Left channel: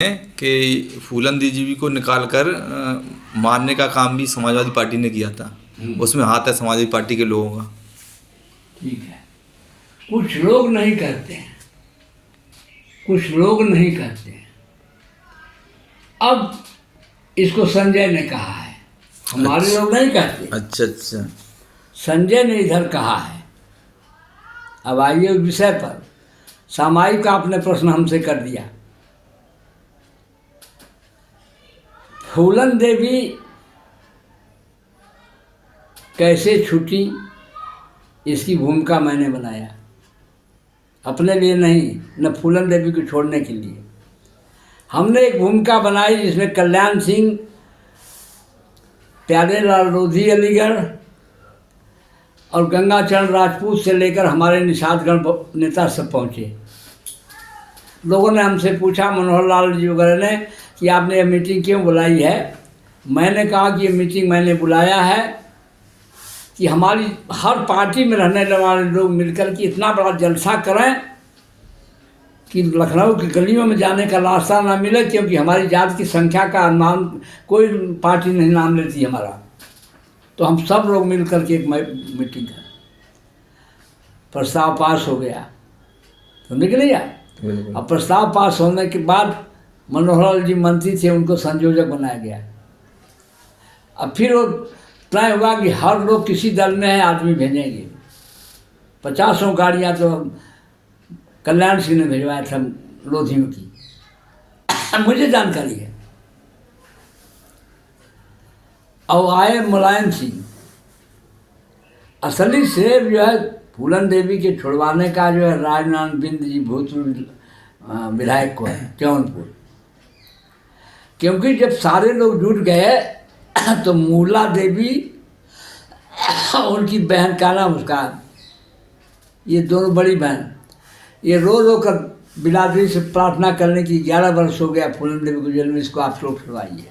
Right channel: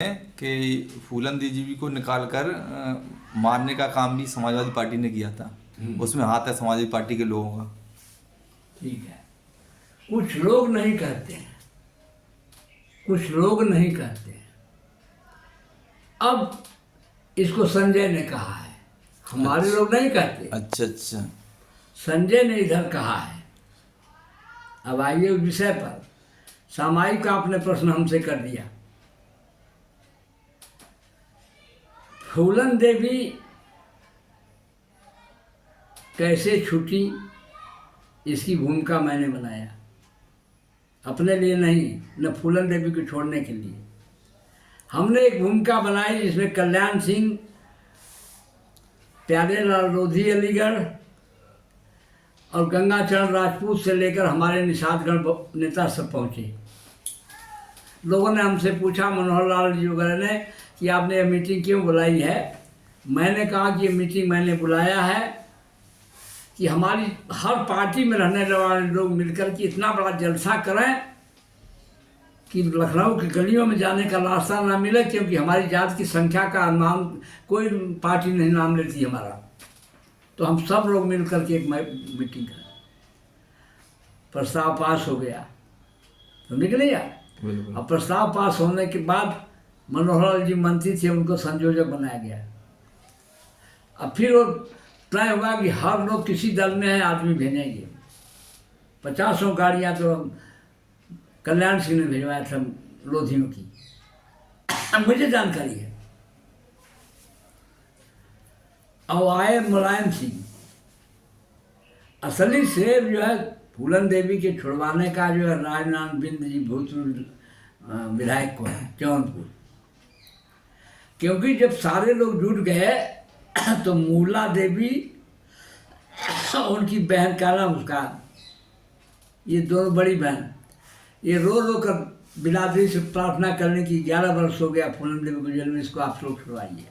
है कि फूलन दीजीवी को निकालकर मारने का काम भी समाजवादी पार्टी ने किया था। उसमें हाथ है समाजवादी पार्टी के लोगों का। ठीक है, कुछ लोग नहीं करते हैं, कुछ लोग नहीं करते हैं। अब इसको संजय ने कहा है, हमारे अच्छा। लोग नहीं कहते। अच्छा अच्छा। संजय ने इधर कहा है। अब आइए उस विषय पर। सामायिक का आपने प्रश्न हमसे कर दिया। फूलन देवी कैसे छूटी, इसकी भूमिका मैंने बनाया, अपने लिए नहीं, न फूलन देवी को छोड़ने के लिए। हमने एक भूमिका बनाई जिसमें कल्याण सिंह, प्यारेलाल लोधी अलीगढ़ और गंगाचरण राजपूत से लेकर हमारे निषादगढ़ नेता सब पहुँचे। लोगों ने हमसे पूछा, मनोहर लाल जी वगैरह ने, कि आपने ये मीटिंग क्यों बुलाई है। मैंने कहा कि ये मीटिंग मैंने बुलाया है कि हमारी हर पार्टी में रहने वाले लोग मिलकर के इतना बड़ा जलसा करें कि लखनऊ की गलियों में जाने का रास्ता ना मिले, क्योंकि हमारी जात की संख्या का नाम कोई पार्टी नहीं नाम लेती हमारा। तो हम सब लोग मिल कर के एक मीटिंग कर, प्रस्ताव पास हो गया तो निकल गया। अब प्रस्ताव पास होने के बाद मनोहर जी मंत्री थे, उनको संयोजक बनाया गया। अब फिर वो तय हुआ कि हर लोग किसी दल में है, आदमी भेजेंगे। 50 गाड़ियाँ तो कल्याण सिंह ने भिजवाया था लोधियों की, मुझे जानकारी है। और आए मुलायम सिंह। असली श्रेय जो है फूलन देवी के छुड़वाने का जो है राजनारायण बिंद जी भूतपूर्व विधायक को है जौनपुर। क्योंकि जब सारे लोग जुट गए तो मूला देवी उनकी बहन का नाम, उसका ये दोनों बड़ी बहन, ये रो रो कर बिरादरी से प्रार्थना करने की 11 वर्ष हो गया फूलन देवी को जेल में, इसको आप लोग छुड़वाइए।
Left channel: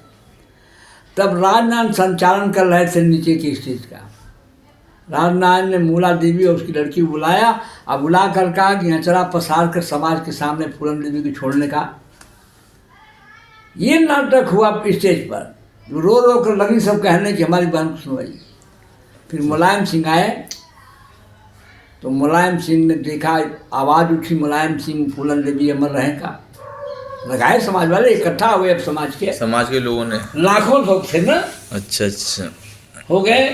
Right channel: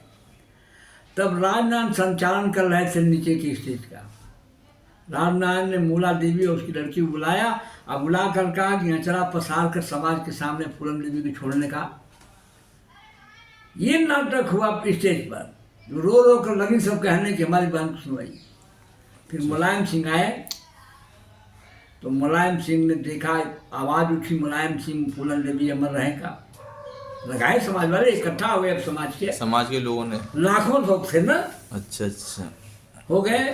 तब राजनारायण संचालन कर रहे थे नीचे की स्टेज का। राजनारायण ने मूला देवी और उसकी लड़की को बुलाया और बुला कर कहा कि अचरा पसार कर समाज के सामने फूलन देवी को छोड़ने का ये नाटक हुआ स्टेज पर। रो रो कर लगी सब कहने कि हमारी बहन को सुनवाई। फिर मुलायम सिंह आए तो मुलायम सिंह ने देखा, आवाज़ उठी, मुलायम सिंह फूलन देवी अमर रहे का। लगाए समाज वाले इकट्ठा हुए, अब समाज के लोगों ने, लाखों लोग थे ना। अच्छा अच्छा हो गए।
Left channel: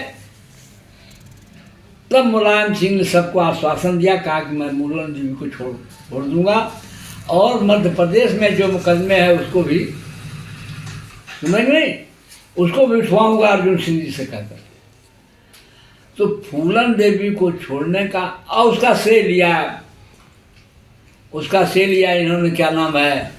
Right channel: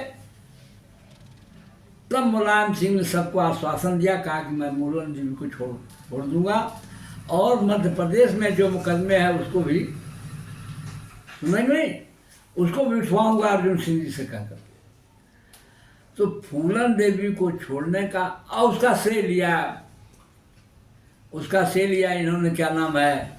तब मुलायम सिंह ने सबको आश्वासन दिया, कहा कि मैं फूलन देवी को छोड़ दूंगा और मध्य प्रदेश में जो मुकदमे है उसको भी नहीं, उसको भी उठवाऊंगा अर्जुन सिंह जी से कहकर। तो फूलन देवी को छोड़ने का और उसका श्रेय लिया इन्होंने, क्या नाम है,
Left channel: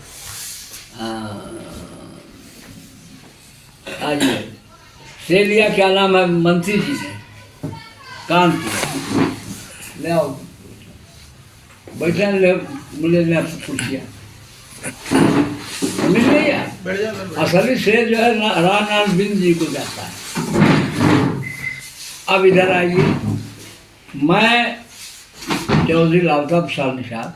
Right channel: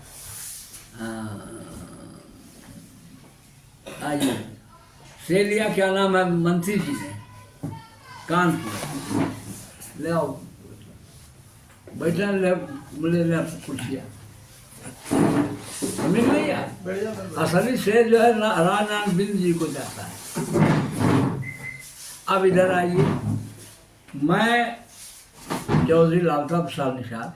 श्रेय लिया, क्या नाम है, मंत्री जी ने कानपुर ले आओ, बैठे मिले पूछ लिया, मिल गई है। असली श्रेय जो है राजनारायण बिंद जी को जाता है। अब इधर आइए, मैं चौधरी लालता प्रसाद निषाद,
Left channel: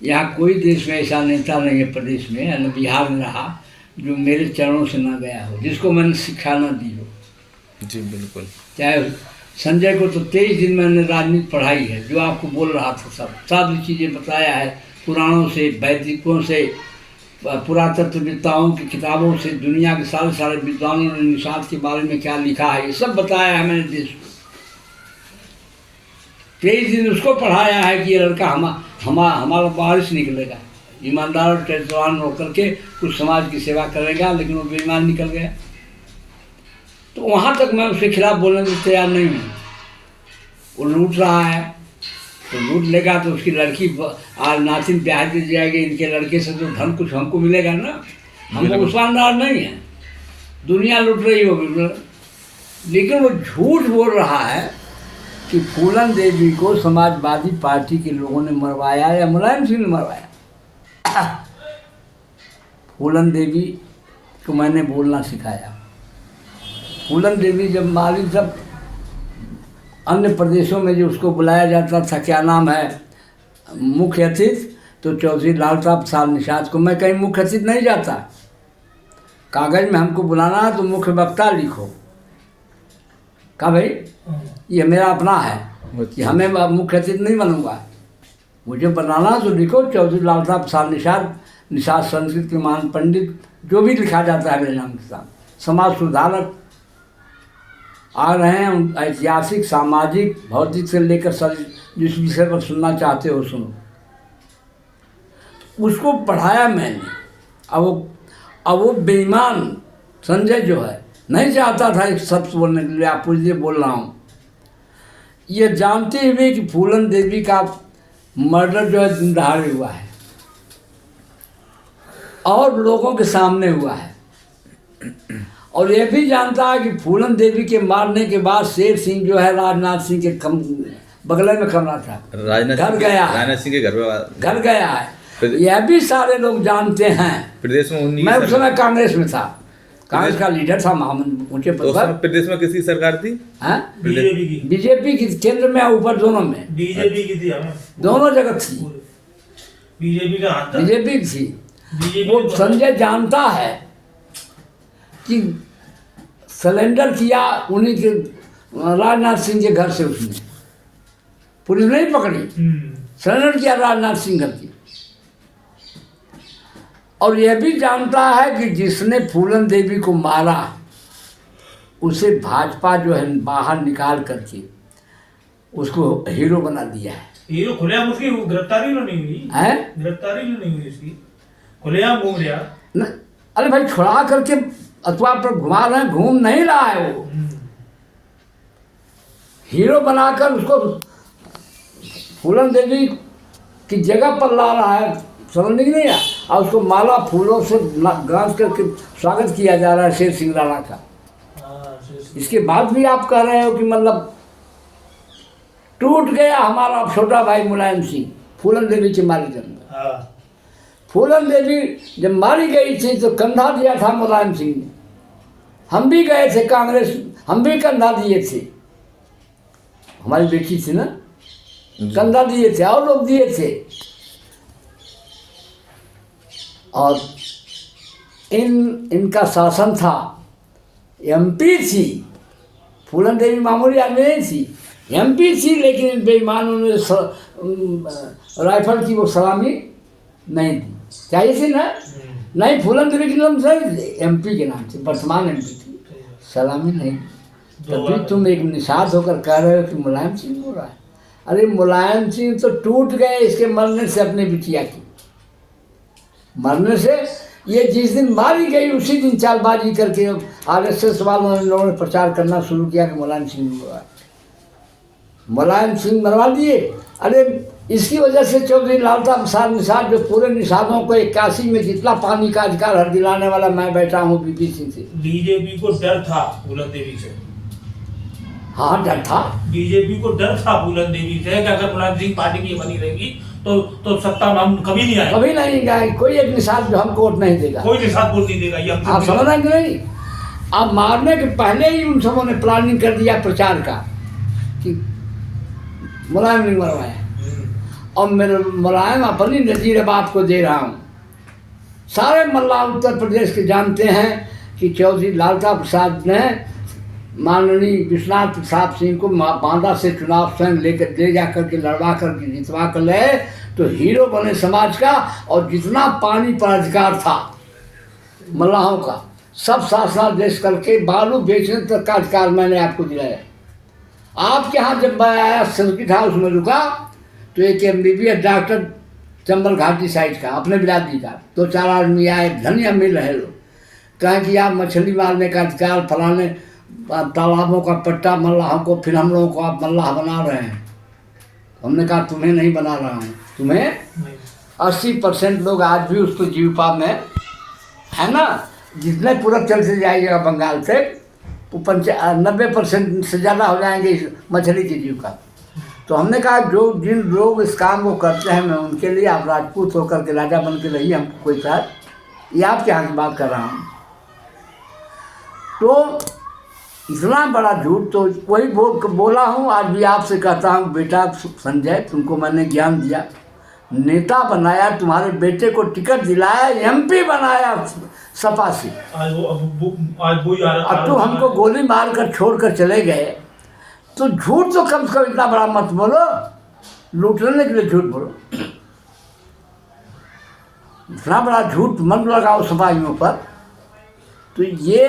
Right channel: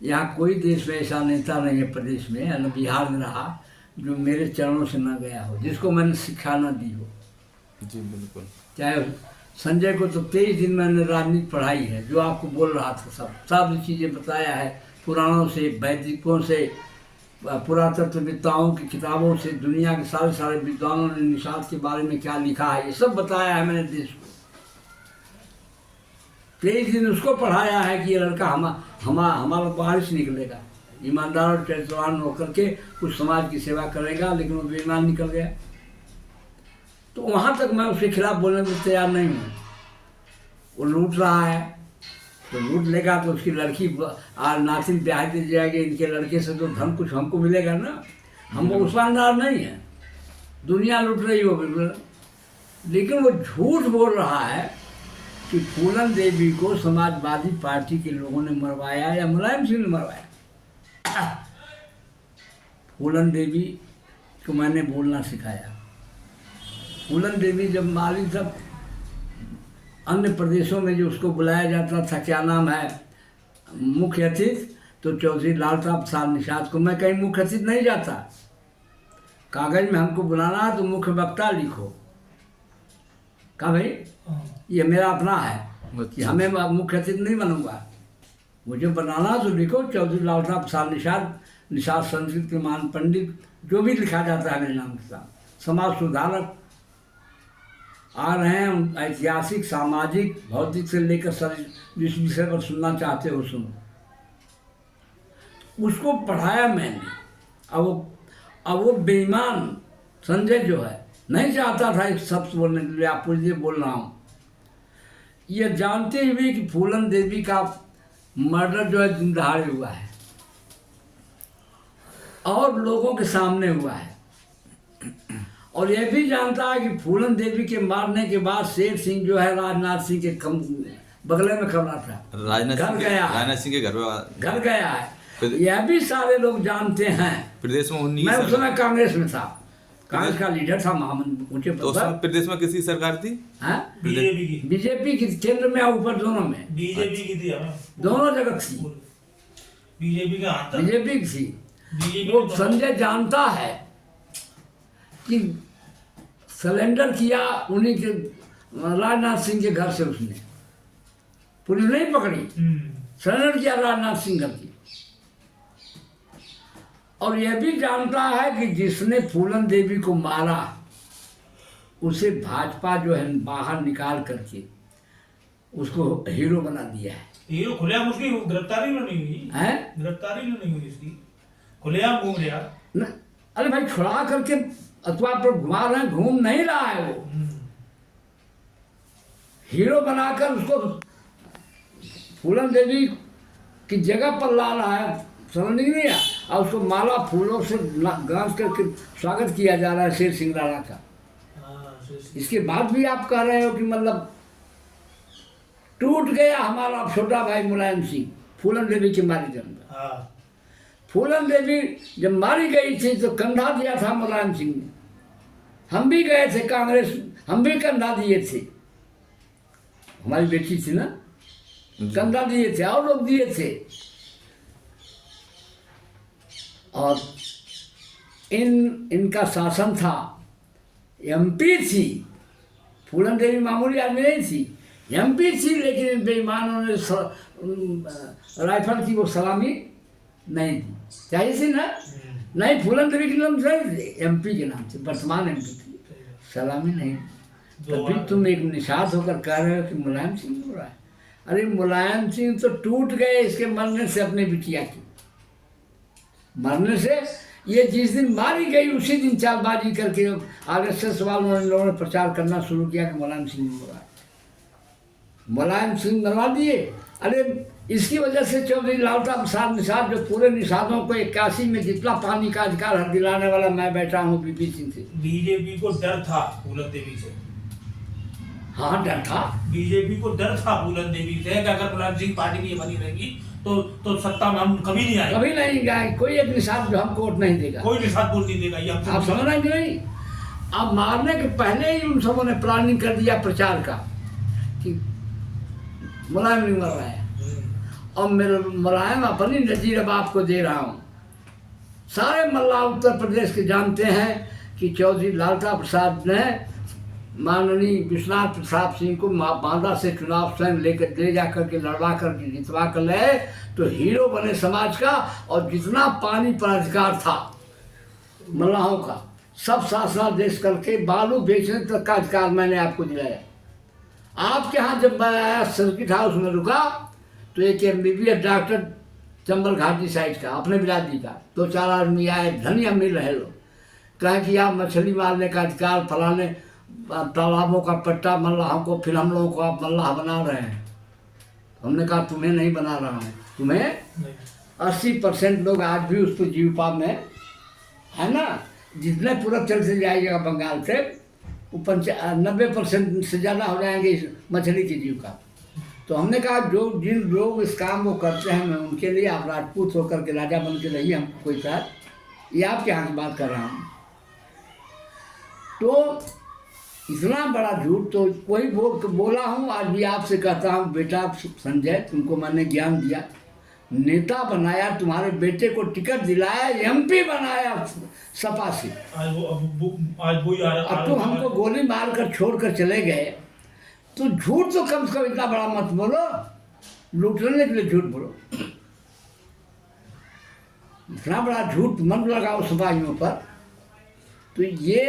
यहाँ कोई देश में ऐसा नेता नहीं है प्रदेश में, यानी बिहार में रहा, जो मेरे चरणों से ना गया हो, जिसको मैंने शिक्षा ना दी हो। जी बिल्कुल। चाहे संजय को तो 23 दिन मैंने राजनीति पढ़ाई है, जो आपको बोल रहा था सब सारी चीज़ें बताया है, पुराणों से, वैदिकों से, पुरातत्वविद्ताओं की किताबों से, दुनिया के सारे विद्वानों ने निषाद के बारे में क्या लिखा है, ये सब बताया है मैंने देश को। 23 दिन उसको पढ़ाया है कि ये लड़का हमारा वारिस निकलेगा, ईमानदार और चरित्रवान होकर के कुछ समाज की सेवा करेगा, लेकिन वो बेईमान निकल गया। तो वहाँ तक मैं उसके खिलाफ बोलने में तैयार नहीं हूँ। वो लूट रहा है तो लूट लेगा, तो उसकी लड़की आज नातिन ब्याह दी जाएगी, इनके लड़के से तो धन कुछ हमको मिलेगा ना। हम मुसलमानदार नहीं हैं, दुनिया लूट रही हो बिल्कुल। लेकिन वो झूठ बोल रहा है कि फूलन देवी को समाजवादी पार्टी के लोगों ने मरवाया या मुलायम सिंह ने मरवाया। फूलन देवी को मैंने बोलना सिखाया। फूलन देवी जब माली, जब अन्य प्रदेशों में जो उसको बुलाया जाता था, क्या नाम है, मुख्य अतिथि, तो चौधरी लालता प्रसाद निषाद को मैं कहीं मुख्य अतिथि नहीं जाता। कागज में हमको बुलाना है तो मुख्य वक्ता लिखो। कहा भाई ये मेरा अपना है कि हमें मुख्य अतिथि नहीं बनूंगा, मुझे बनाना तो लिखो चौधरी लालता प्रसाद निषाद, निषाद संस्कृत के महान पंडित, जो भी लिखा जाता है मेरे नाम के साथ। समाज सुधारक आ रहे हैं, ऐतिहासिक, सामाजिक, भौतिक से लेकर जिस विषय पर सुनना चाहते हो सुनो। उसको पढ़ाया मैंने। अब वो बेईमान संजय जो है नहीं चाहता था एक शब्द बोलने के लिए, आपको इसलिए बोल रहा हूँ। ये जानते हुए कि फूलन देवी का मर्डर जो है दिन दहाड़े हुआ है और लोगों के सामने हुआ है, और ये भी जानता है कि फूलन देवी के मारने के बाद शेर सिंह जो है राजनाथ सिंह के बगले में कमरा था, घर गया है, राजनाथ सिंह के घर गया है। यह भी सारे लोग जानते हैं। प्रदेश में मैं उस समय कांग्रेस में था, कांग्रेस का लीडर था, महामंत्री ऊंचे पद पर। प्रदेश में किसकी सरकार थी? बीजेपी की, केंद्र में ऊपर दोनों में। बीजेपी की थी, दोनों जगह थी, बीजेपी का हाथ था, बीजेपी की थी। वो संजय जानता है कि सरेंडर किया उन्हीं के राजनाथ सिंह के घर से, उसने पुलिस नहीं पकड़ी, सरेंडर किया राजनाथ सिंह घर की। और यह भी जानता है कि जिसने फूलन देवी को मारा उसे भाजपा जो है बाहर निकाल करके उसको हीरो बना दिया है। हीरो खुलेआम, उसकी गिरफ्तारी नहीं हुई है, गिरफ्तारी नहीं हुई उसकी, खुलेआम घूम रहा। अरे भाई छुड़ा करके अथवा पर घुमा रहे हैं, घूम नहीं रहा है, वो हीरो बनाकर उसको फूलन देवी की जगह पर ला रहा है, समझ नहीं है। और उसको माला फूलों से गांस करके स्वागत किया जा रहा है शेर सिंह राणा का। इसके बाद भी आप कह रहे हो कि मतलब टूट गया हमारा छोटा भाई मुलायम सिंह फूलन देवी के मारे के अंदर। फूलन देवी जब मारी गई थी तो कंधा दिया था मुलायम सिंह ने, हम भी गए थे कांग्रेस, हम भी कंधा दिए थे, हमारी बेटी थी ना, कंधा दिए थे और लोग दिए थे। और इनका शासन था, एमपी थी, फूलन देवी मामूली आदमी नहीं थी, एमपी थी, लेकिन इन बेईमानों ने राइफल की वो सलामी नहीं दी, चाहिए थी ना, नहीं फूलन देवी के नाम से, एमपी के नाम से, वर्तमान एमपी थी, सलामी नहीं। तभी तुम एक निषाद होकर कह रहे हो कि मुलायम सिंह हो रहा है। अरे मुलायम सिंह तो टूट गए इसके मरने से, अपने बिटिया की मरने से। ये जिस दिन मारी गई उसी दिन चालबाजी करके आरएसएस वालों ने प्रचार करना शुरू किया कि मुलायम सिंह मरवा, मुलायम सिंह मरवा दिए। अरे इसकी वजह से चौधरी लालता प्रसाद निषाद, जो पूरे निषादों को 81 में जितना पानी का अधिकार हर दिलाने वाला मैं बैठा हूँ बीपी सिंह से। बीजेपी को डर था फूलन देवी से, हाँ डर था, बीजेपी को डर था फूलन देवी से कि अगर मुलायम सिंह पार्टी की बनी रहेगी तो सत्ता में हम कभी नहीं आए, कभी नहीं गए, कोई एक निषाद जो हमको वोट नहीं देगा, कोई निषाद वोट नहीं देगा, ये आप समझ रहे कि नहीं। अब मारने के पहले ही उन सबों ने प्लानिंग कर दिया प्रचार का कि मुलायम नहीं मरवाया, और मेरे मुलायम अपनी नजीर अब आपको दे रहा हूँ। सारे मल्ला उत्तर प्रदेश के जानते हैं कि चौधरी लालता प्रसाद ने माननीय विश्वनाथ प्रसाद सिंह को बांदा से चुनाव स्वयं लेकर ले जा करके लड़वा करके जितवा कर ले, तो हीरो बने समाज का। और जितना पानी पर अधिकार था मल्लाहों का सब शासनादेश करके बालू बेचने तक का अधिकार मैंने आपको दिलाया। आपके यहाँ जब मैं आया सर्किट हाउस में रुका तो एक MBBS डॉक्टर चंबल घाटी साइड का अपने बिरादरी का 2-4 आदमी आए, धनिया मिल रहे लोग, कहें कि आप मछली मारने का अधिकार फलाने तालाबों का पट्टा मल्लाहों को, फिर हम लोगों को आप मल्लाह बना रहे हैं। हमने कहा तुम्हें नहीं बना रहा हूँ, तुम्हें 80% लोग आज भी उसको जीविका में है ना, जितने पूरब चलते जाइएगा बंगाल से वो 90% से ज़्यादा हो जाएंगे इस मछली की जीविका। तो हमने कहा जो जिन लोग इस काम को करते हैं मैं उनके लिए आप राजपूत होकर के राजा बन के रहिए, हमको कोई बात, ये आपके यहाँ की बात कर रहा हूँ। तो इतना बड़ा झूठ तो वही बोला हूँ, आज भी आपसे कहता हूँ बेटा संजय, तुमको मैंने ज्ञान दिया, नेता बनाया, तुम्हारे बेटे को टिकट दिलाया, एमपी बनाया सपा से, आज वो ही अब तुम हमको गोली मार कर छोड़ कर चले गए, तो झूठ तो कम से कम इतना बड़ा मत बोलो, लूटने के लिए झूठ बोलो, इतना बड़ा झूठ मत लगाओ समाजियों पर। तो ये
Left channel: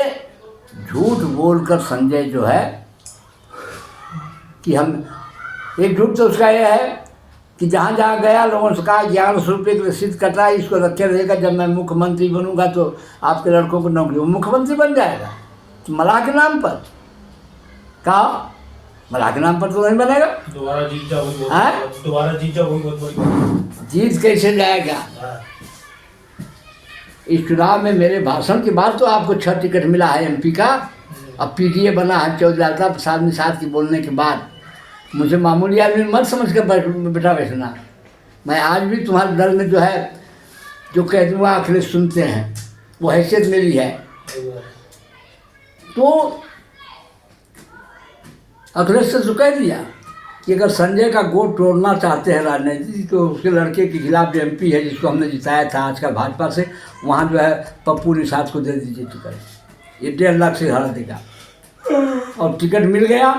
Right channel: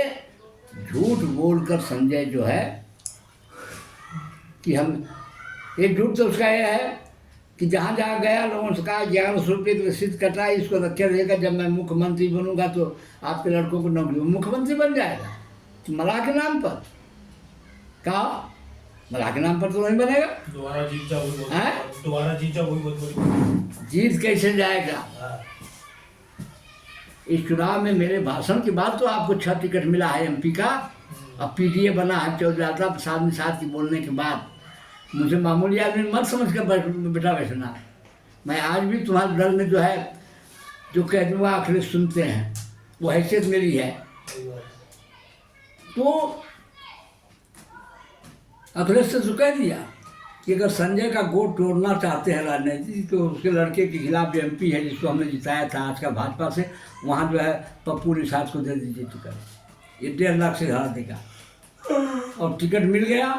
झूठ बोलकर संजय जो है कि हम, एक झूठ तो उसका ये है कि जहाँ जहाँ गया लोगों से कहा 1100 रुपये की रसीद कटा, इसको रखे रहेगा, जब मैं मुख्यमंत्री बनूंगा तो आपके लड़कों को नौकरी, वो मुख्यमंत्री बन जाएगा तो मलाह के नाम पर, कहा मलाह के नाम पर तो नहीं बनेगा। दोबारा जीत जा वही हैं? दोबारा जीत जा वही बहुत बड़ी जीत कैसे जाएगा? हाँ। इस चुनाव में मेरे भाषण के बाद तो आपको 6 टिकट मिला है एमपी का, अब पीडीए बना है चौधरी प्रसाद निषाद के बोलने के बाद। मुझे मामूली आदमी मत समझ कर बेटा बैठना, मैं आज भी तुम्हारे दल में जो है जो कह दूँगा अखिलेश सुनते हैं, वो हैसियत मेरी है। तो अखिलेश से तो कह दिया कि अगर संजय का गोट तोड़ना चाहते हैं राजनीति, तो उसके लड़के के खिलाफ जो एमपी है जिसको हमने जिताया था आज का भाजपा से, वहाँ जो है पप्पू निषाद को दे दीजिए टिकट, ये 1.5 लाख से हरा देगा। और टिकट मिल गया,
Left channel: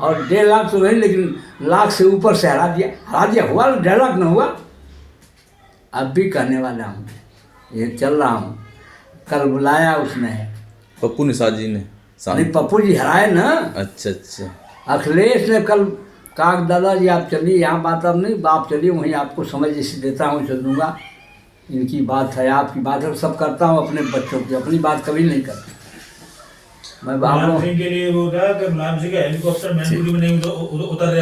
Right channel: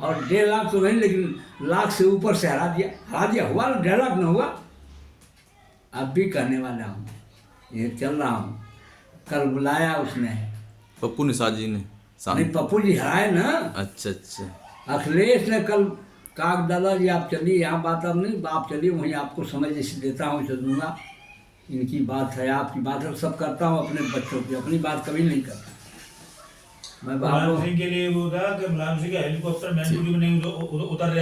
और 1.5 लाख तो नहीं लेकिन लाख से ऊपर से हरा दिया, हुआ 1.5 लाख न हुआ। अब भी कहने वाला हूँ, ये चल रहा हूँ, कल बुलाया उसने, पप्पू निषाद जी ने नहीं पप्पू जी हराए ना। अच्छा अच्छा। अखिलेश ने कल कहा दादा जी आप चलिए, यहाँ बात अब नहीं, आप चलिए वहीं आपको समझ जैसे देता हूँ चल दूँगा, इनकी बात है आपकी बात है, सब करता हूँ अपने बच्चों की, अपनी बात कभी नहीं करता मैं। मुलायम सिंह के लिए वो था कि मुलायम सिंह का हेलीकॉप्टर मैनपुरी में नहीं उतर